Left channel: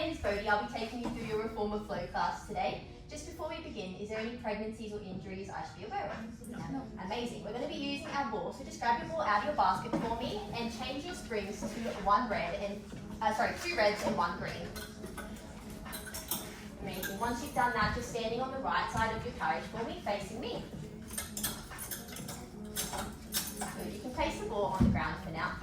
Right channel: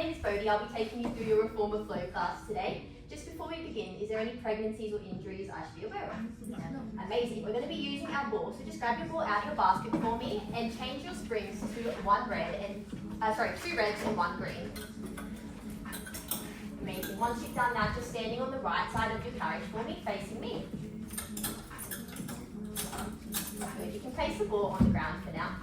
name is Bodhi. I'll be taking you through your Reformer Flow class today. Just before we begin, is there any pregnancies or injuries I should be aware of? No. Amazing. We're going to be using our ball, so just grab your ball out of your basket for me and change your springs to two reds and one green. Amazing. Once you've done that, just standing on the right side of your carriage for me, facing me. Good. You can place the ball on the ground for now.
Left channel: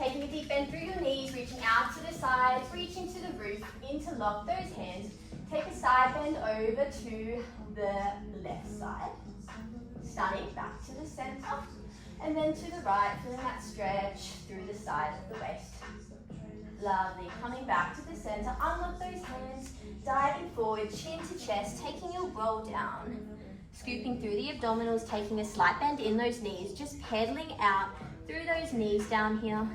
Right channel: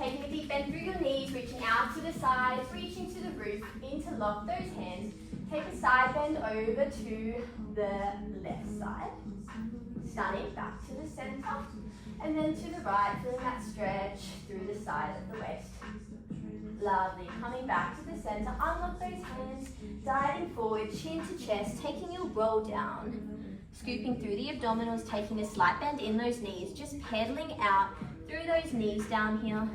Taking a deep bend through your knees, reaching out to the sides, reaching to the roof, interlock those hands. Take a side bend over to the left side. Stunning, back to the center. And then to the right, feeling that stretch through the side of the waist. Lovely. Coming back to the center, unlock those hands, diving forward, chin to chest, taking your roll down. Scooping through the abdominals, taking a slight bend in those knees, just pedaling out through those knees down here.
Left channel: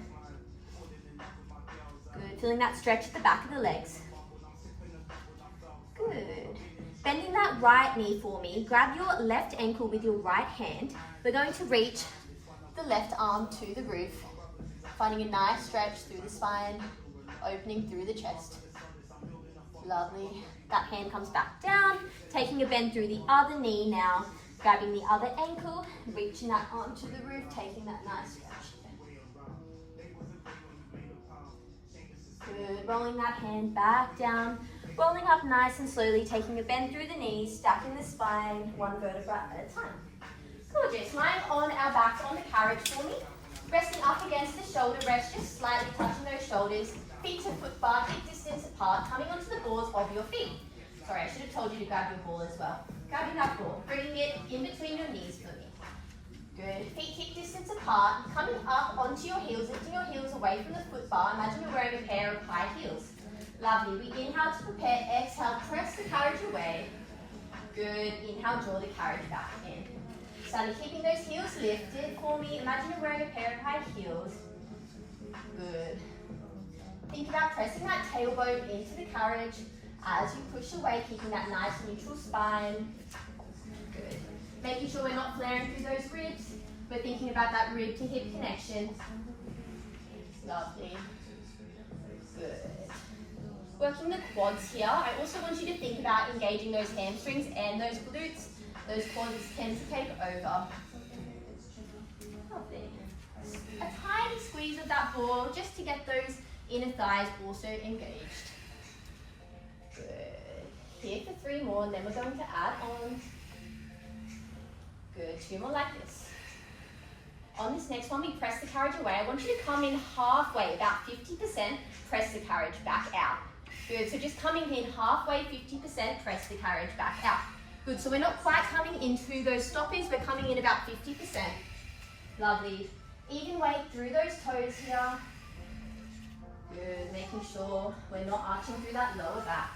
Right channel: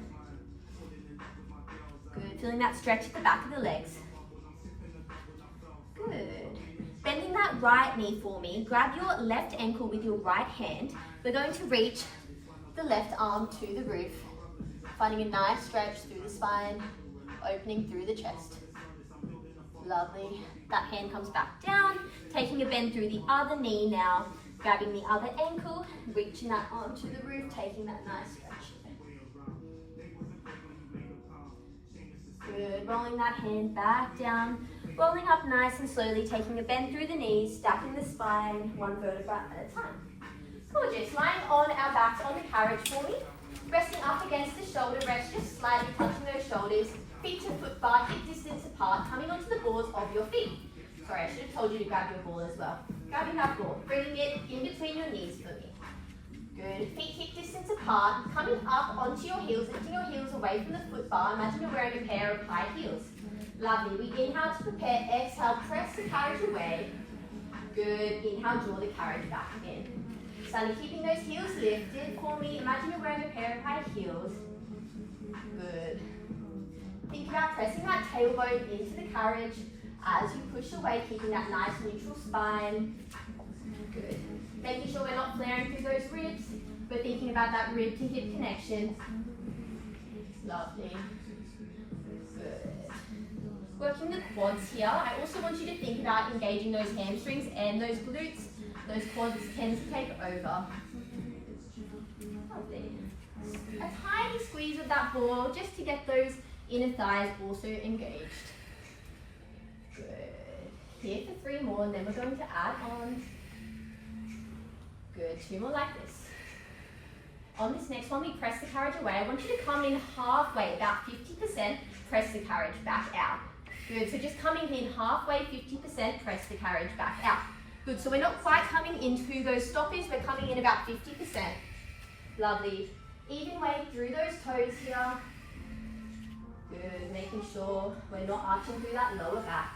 Good. Feeling that stretch at the back of the legs. Good. Bending that right knee for me. Grab your left ankle with your right hand. We're going to reach the left arm to the roof. Finding a nice stretch through the spine, opening through the chest. Lovely. That hand comes back down. Taking a bend through the other knee now. Grabbing the other ankle, reaching that arm to the roof, taking that nice stretch. Good. Rolling that hand back down. Rolling up nice and slowly, taking a bend through the knees, stacking the spine, one vertebra at a time. Gorgeous. Lying on our backs on the carriage for me. Resting up against the shoulder rest, just slightly touching those shoulders. Feet to foot bar, hip distance apart, coming onto the balls of your feet. Sorry, I should have told you to grab your ball as well. Grabbing that ball, bringing it in between your knees for me. Good. Feet hip distance apart, coming up onto your heels, lifting your heels away from the foot bar. Imagine you're wearing a pair of high heels. Lovely. We inhale to prepare, exhale, press the carriage away. Good. Inhale, draw the carriage back in. Slowly keeping those heels lifted for me. Imagine you're wearing a pair of high heels. Good. Think about pressing that tailbone into the carriage as you push away, keeping that nice neutral spine. Good. Making sure we're not flaring through those ribs. We're thinking about that rib to hip connection. Lovely. Good. Working the quads here. I also want you to think about engaging those hamstrings and those glutes. Those quads tend to take over. Lovely. A tiny squeeze of that ball just to get those inner thighs also engaged. Good. Here for 3 more, and then we're going to add on. Good. 2 more like this. On this next one, we press the carriage away. I want you to come in halfway, about 50%, press the carriage back out. Good. So just coming in halfway, 50%, press the carriage back out. Good. So we're not quite coming into those stoppies. We're coming in about 50%. Lovely. Even weight through those toes here. Good. Making sure we're not arching through that lower back.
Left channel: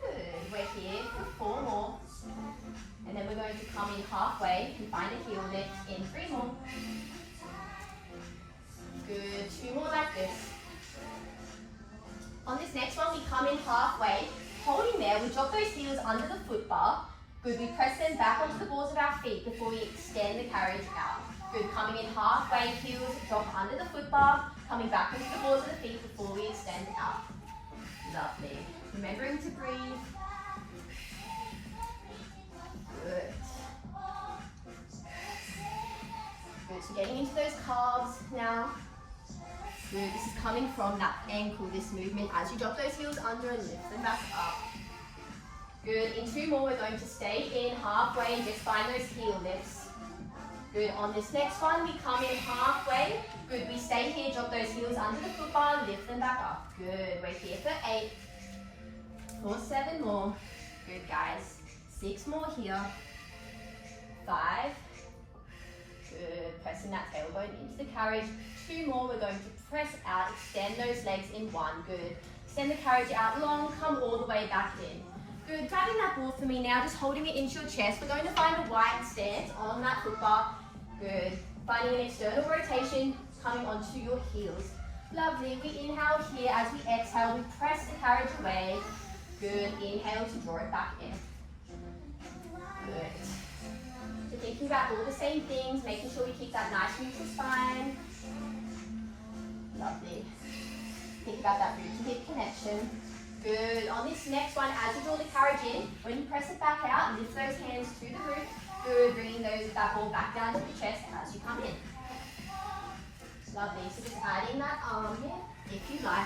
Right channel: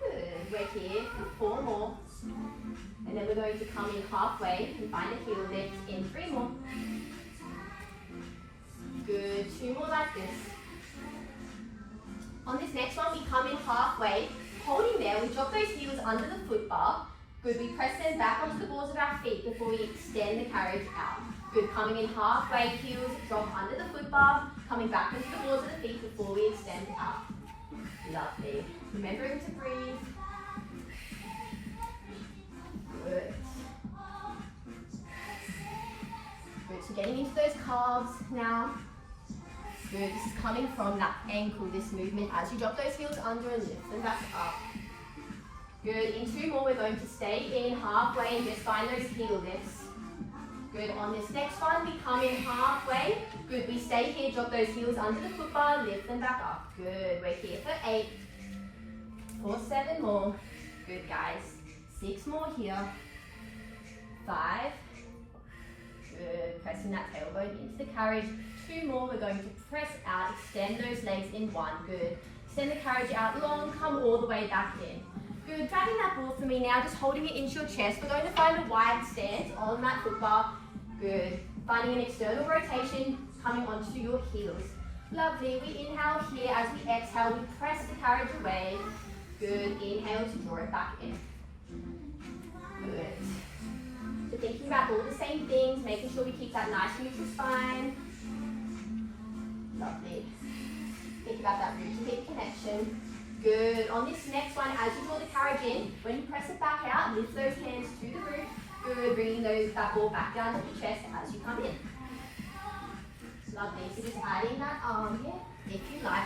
Good. We're here for 4 more. And then we're going to come in halfway and find a heel lift in 3 more. Good. 2 more like this. On this next one, we come in halfway. Holding there, we drop those heels under the foot bar. Good. We press them back onto the balls of our feet before we extend the carriage out. Good. Coming in halfway, heels drop under the foot bar. Coming back into the balls of the feet before we extend out. Lovely. Remembering to breathe. Good. Good. So getting into those calves now. Good. This is coming from that ankle, this movement, as you drop those heels under and lift them back up. Good. In 2 more, we're going to stay in halfway and just find those heel lifts. Good. On this next one, we come in halfway. Good. We stay here, drop those heels under the foot bar, lift them back up. Good. We're here for 8. For 7 more. Good, guys. 6 more here. 5. Good. Pressing that tailbone into the carriage. 2 more. We're going to press out. Extend those legs in 1. Good. Extend the carriage out long. Come all the way back in. Good. Grabbing that ball for me now. Just holding it into your chest. We're going to find a wide stance on that foot bar. Good. Finding an external rotation. Coming onto your heels. Lovely. We inhale here. As we exhale, we press the carriage away. Good. Inhale to draw it back in. Good. So thinking about all the same things, making sure we keep that nice neutral spine. Lovely. Think about that rib to hip connection. Good. On this next one, as you draw the carriage in, when you press it back out, lift those hands to the roof. Good. Bringing that ball back down to the chest as you come in. Lovely. So just add in that arm here, if you like.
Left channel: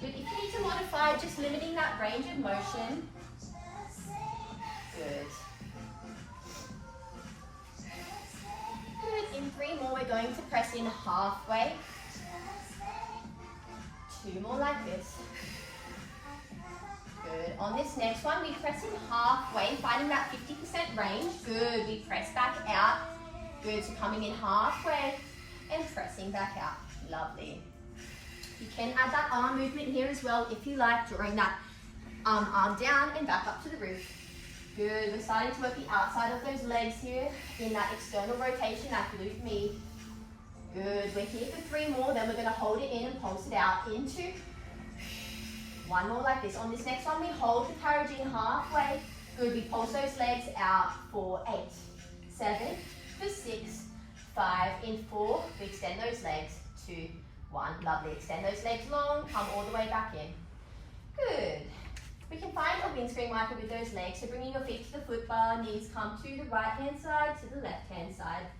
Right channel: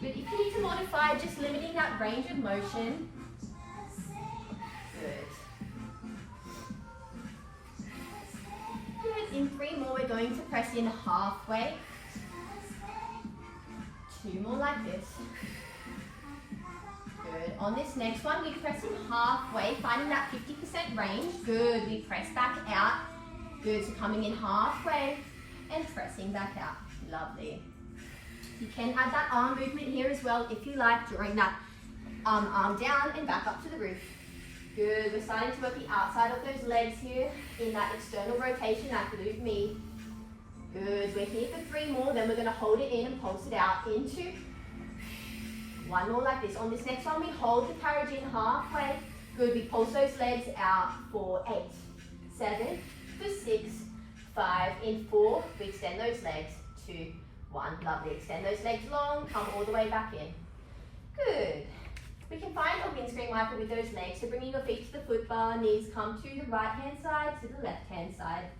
Good. If you need to modify, just limiting that range of motion. Good. Good. In 3 more, we're going to press in halfway. 2 more like this. Good. On this next one, we press in halfway, finding that 50% range. Good. We press back out. Good. So coming in halfway and pressing back out. Lovely. You can add that arm movement here as well if you like, drawing that arm down and back up to the roof. Good. We're starting to work the outside of those legs here in that external rotation, that glute med. Good. We're here for 3 more, then we're going to hold it in and pulse it out into 1 more like this. On this next one, we hold the carriage in halfway. Good. We pulse those legs out for 8, 7, for 6, 5, in 4. We extend those legs, 2, 1. Lovely. Extend those legs long, come all the way back in. Good. We can find a windscreen wiper with those legs, so bringing your feet to the foot bar, knees come to the right hand side, to the left hand side.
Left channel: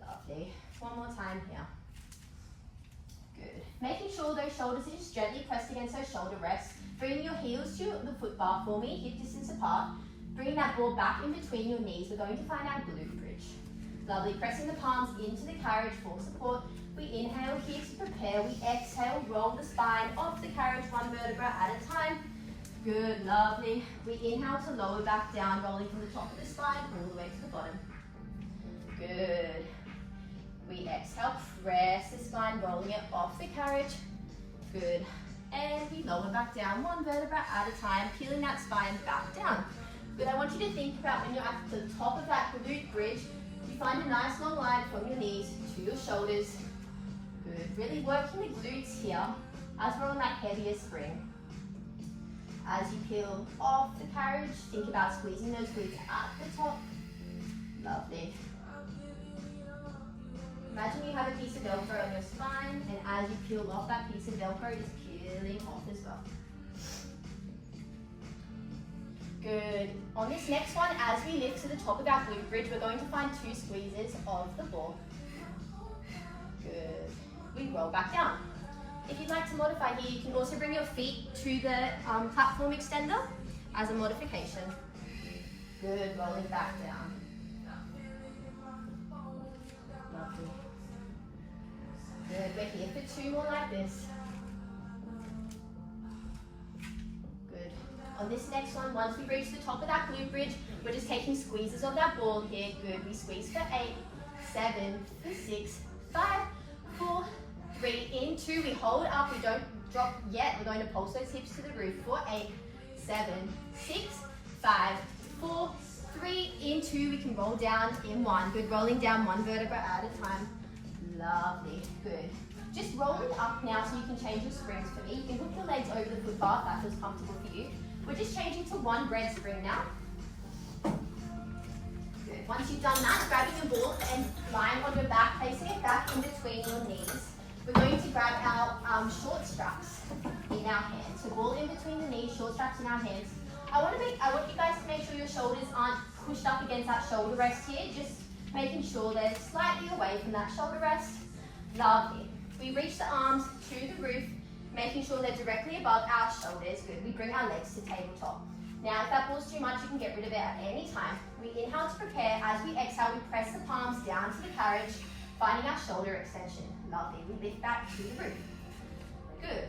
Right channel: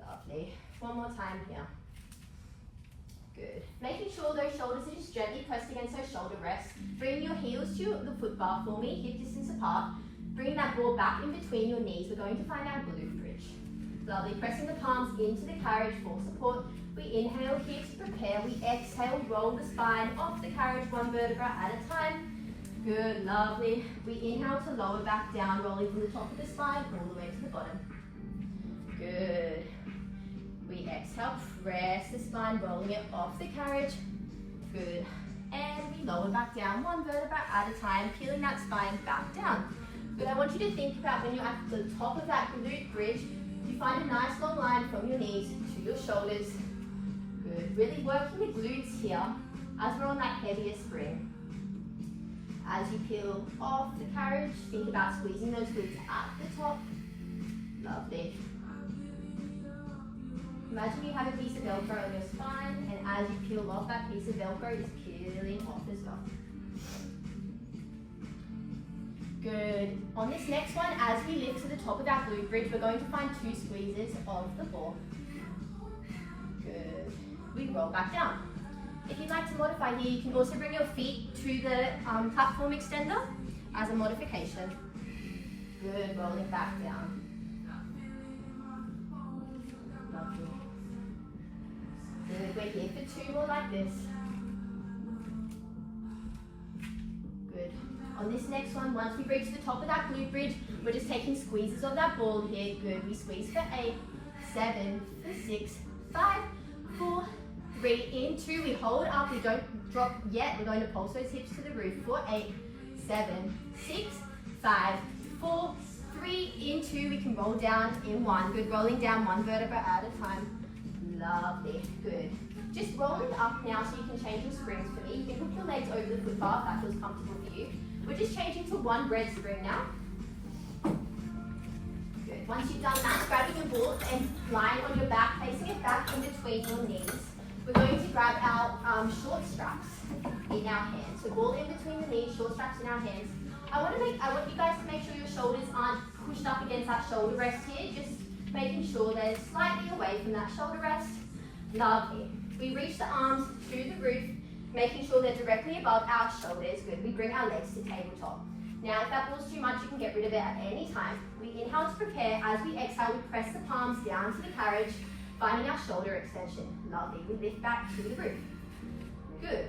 Lovely. 1 more time here. Good. Making sure those shoulders are just gently pressed against those shoulder rests. Bring your heels to the foot bar for me, hip distance apart. Bring that ball back in between your knees. We're going to find our glute bridge. Lovely. Pressing the palms into the carriage for support. We inhale here to prepare. We exhale, roll the spine off the carriage 1 vertebra at a time. Good, lovely. We inhale to lower back down, rolling from the top of the spine all the way to the bottom. Good. We exhale, press the spine, rolling it off the carriage. Good. And we lower back down 1 vertebra at a time, peeling that spine back down. Good. I want you to think about when you're at the top of that glute bridge, you find a nice long line from your knees to your shoulders. Good. Really working the glutes here as we're on that heavier spring. As you peel off the carriage, think about squeezing those glutes at the top. Lovely. Imagine you have a piece of Velcro on your spine, and as you peel off that piece of Velcro, it's peeling off as well. Good. On this next one, as we lift to the top of our glute bridge, we're going to find 2 squeezes of the ball. Good. We roll back down. If you'd like to modify here, you can also bring your feet to the platform extender as a modification. Good, rolling back down. Good, we're here for 2 more like this. Good. On this next one, once we reach the top of that glute bridge, we're just taking squeezes of that ball here. Good, we squeeze for 8, 7, for 6, 5, 4, 3, in 2, we hold up, we don't drop yet, we're going to pulse those hips to the roof for 8, 7, 6, 5, 4, 3, in 2, we can roll down in 1, good, rolling down 1 vertebra at a time, lovely, good. Just rolling up now so you can change your springs for me, you can put your legs over the foot bar if that feels comfortable for you. We're just changing to 1 bread spring now. Good, once you've done that, grabbing your ball and lying on your back, placing it back in between your knees. We're going to grab our short straps in our hands. So ball in between the knees, short straps in our hands. I want you guys to make sure your shoulders aren't pushed up against that shoulder rest here. Just making sure they're slightly away from that shoulder rest. Lovely. We reach the arms to the roof, making sure they're directly above our shoulders. Good. We bring our legs to tabletop. Now, if that ball's too much, you can get rid of it at any time. We inhale to prepare. As we exhale, we press the palms down to the carriage, finding our shoulder extension. Lovely. We lift back to the roof. Good.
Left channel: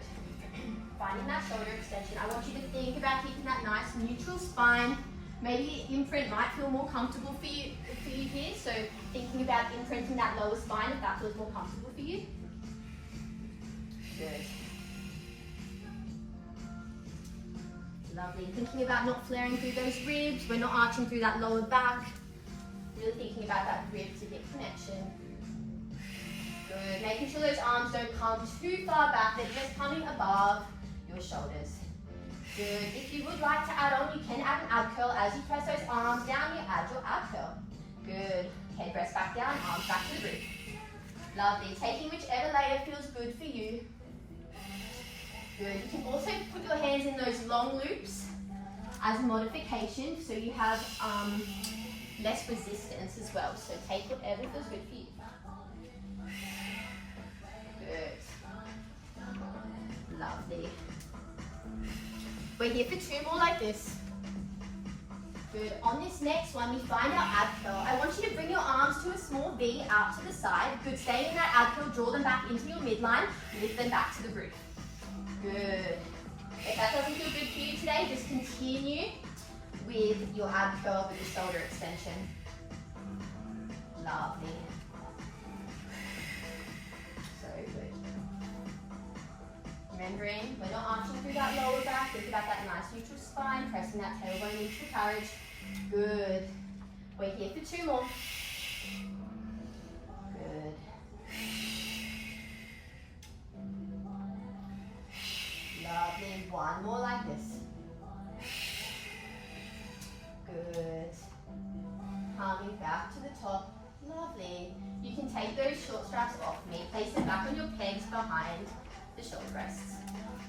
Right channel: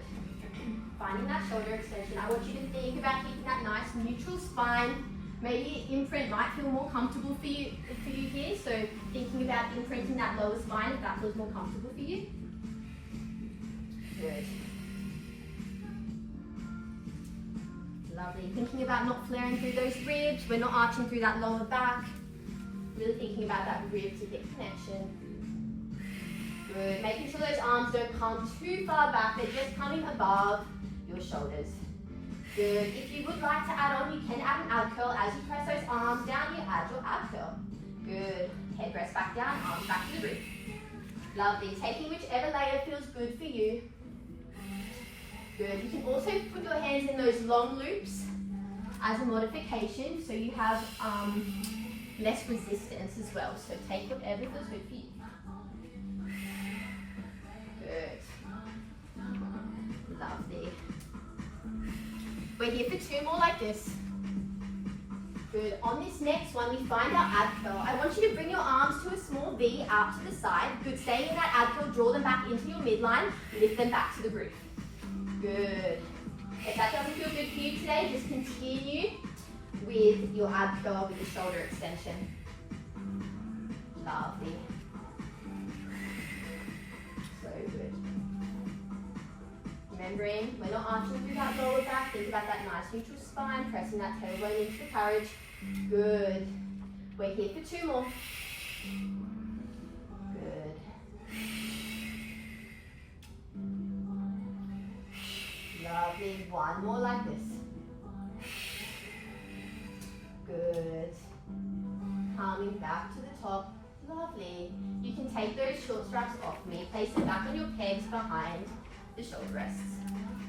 Finding that shoulder extension. I want you to think about keeping that nice neutral spine. Maybe imprint might feel more comfortable for you here. So thinking about imprinting that lower spine if that feels more comfortable for you. Good. Lovely. Thinking about not flaring through those ribs. We're not arching through that lower back. Really thinking about that rib to hip connection. Good. Making sure those arms don't come too far back. They're just coming above your shoulders. Good. If you would like to add on, you can add an ab curl. As you press those arms down, you add your ab curl. Good. Head rest back down, arms back to the roof. Lovely. Taking whichever layer feels good for you. Good. You can also put your hands in those long loops as a modification, so you have less resistance as well. So take whatever feels good for you. Good. Lovely. We're here for 2 more like this. Good. On this next one, we find our ab curl. I want you to bring your arms to a small V out to the side. Good. Stay in that ab curl, draw them back into your midline, lift them back to the roof. Good. If that doesn't feel good for you today, just continue with your ab curl with your shoulder extension. Lovely. So good. Remembering, we're not arching through that lower back. Think about that nice neutral spine, pressing that tailbone into the carriage. Good. We're here for 2 more. Good. Lovely. 1 more like this. Good. Coming back to the top. Lovely. You can take those short straps off me. Place them back on your pegs behind the shoulder rests.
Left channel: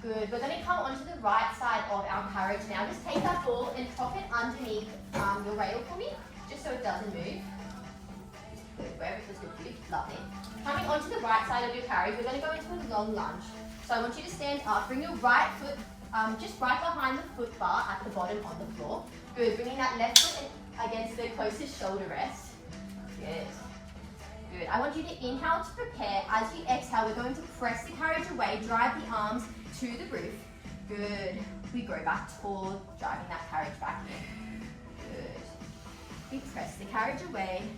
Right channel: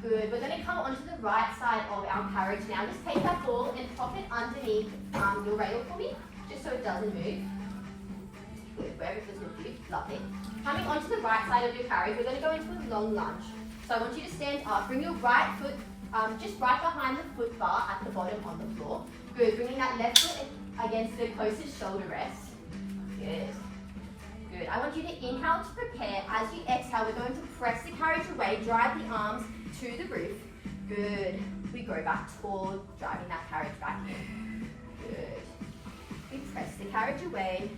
Good. We're going to come onto the right side of our carriage now. Just take that ball and prop it underneath your rail for me, just so it doesn't move. Good. Wherever it feels good for you. Lovely. Coming onto the right side of your carriage, we're going to go into a long lunge. So I want you to stand up. Bring your right foot just right behind the foot bar at the bottom of the floor. Good. Bringing that left foot against the closest shoulder rest. Good. Good. I want you to inhale to prepare. As you exhale, we're going to press the carriage away, drive the arms to the roof. Good. We go back toward driving that carriage back in. Good. We press the carriage away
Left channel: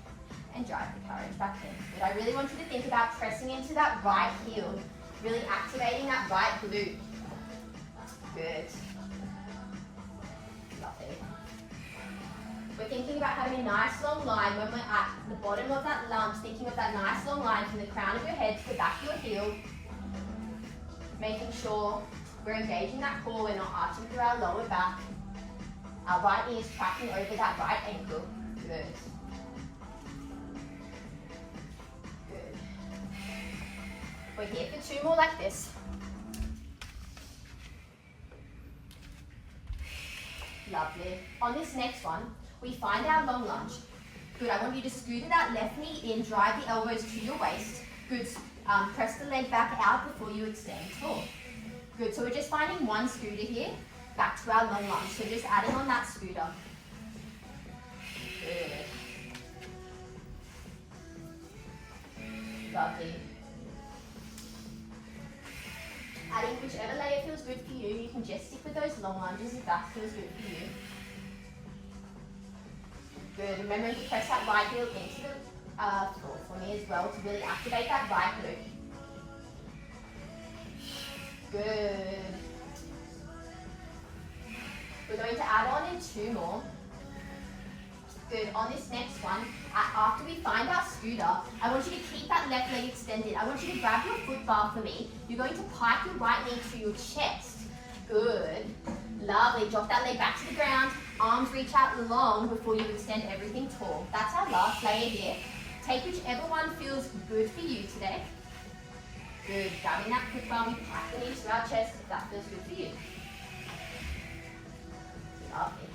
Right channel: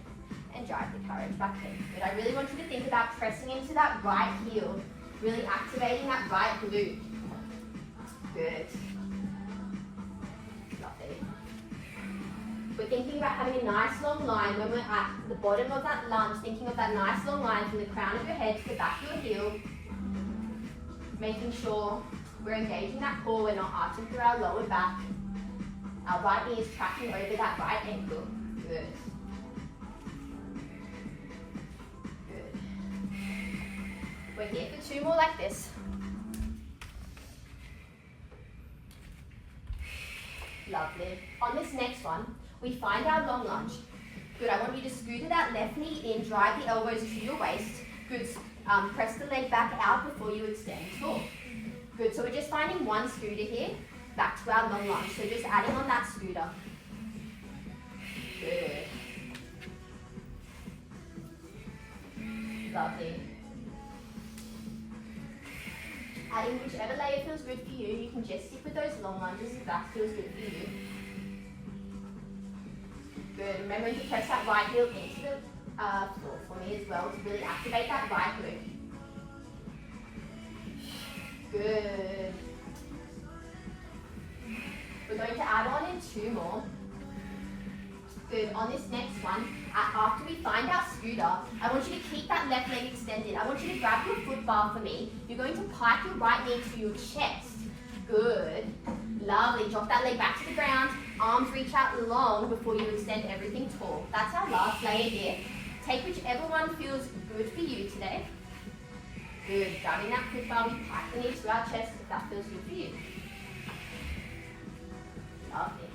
and drive the carriage back in. Good. I really want you to think about pressing into that right heel, really activating that right glute. Good. Lovely. We're thinking about having a nice long line when we're at the bottom of that lunge, thinking of that nice long line from the crown of your head to the back of your heel. Making sure we're engaging that core, we're not arching through our lower back. Our right knee is tracking over that right ankle. Good. Good. We're here for 2 more like this. Lovely. On this next one, we find our long lunge. Good. I want you to scooter that left knee in, drive the elbows to your waist. Good. Press the leg back out before you extend tall. Good. So we're just finding 1 scooter here, back to our long lunge. So just adding on that scooter. Good. Lovely. Adding whichever layer feels good for you. You can just stick with those long lunges if that feels good for you. Good. Remember to press that right heel into the floor for me as well to really activate that right glute. Good. We're going to add on in 2 more. Good. On this next one, after we find our scooter, I want you to keep that left leg extended. I want you to grab your foot bar for me. You're going to pike your right knee to your chest. Good. Lovely. Drop that leg back to the ground. Arms reach out long before you extend everything tall. That's our last layer here. Take whichever one feels good for you today. Good. Grabbing that foot bar, we pack the knee to our chest if that feels good for you. Lovely.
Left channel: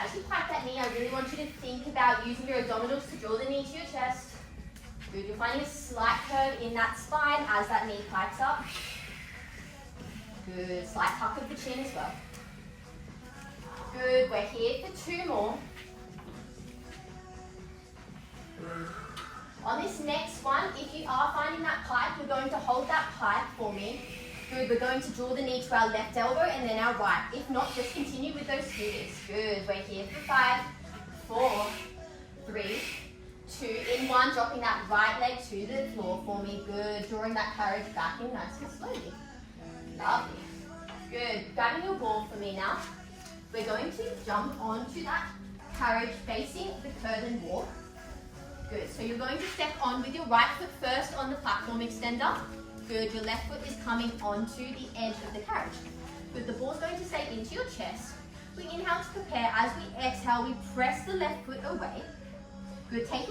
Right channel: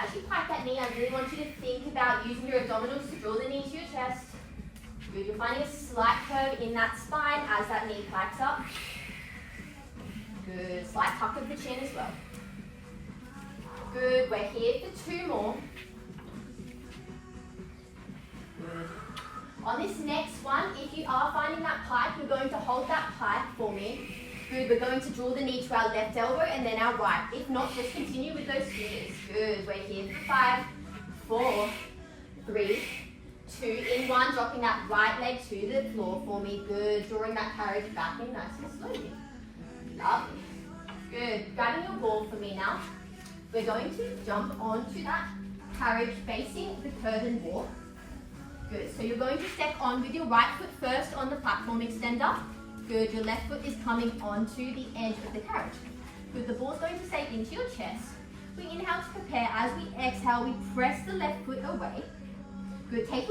As you pack that knee, I really want you to think about using your abdominals to draw the knee to your chest. Good. You're finding a slight curve in that spine as that knee pikes up. Good. Slight tuck of the chin as well. Good. We're here for 2 more. Good. On this next one, if you are finding that pike, you're going to hold that pike for me. Good. We're going to draw the knee to our left elbow and then our right. If not, just continue with those scooters. Good. We're here for 5, 4, 3, 2, in 1. Dropping that right leg to the floor for me. Good. Drawing that carriage back in nice and slowly. Lovely. Good. Grabbing your ball for me now. We're going to jump onto that carriage facing the curtain wall. Good. So you're going to step on with your right foot first on the platform extender. Good. Your left foot is coming onto the edge of the carriage. Good. The ball's going to stay into your chest. We inhale to prepare. As we exhale, we press the left foot away. Good. Taking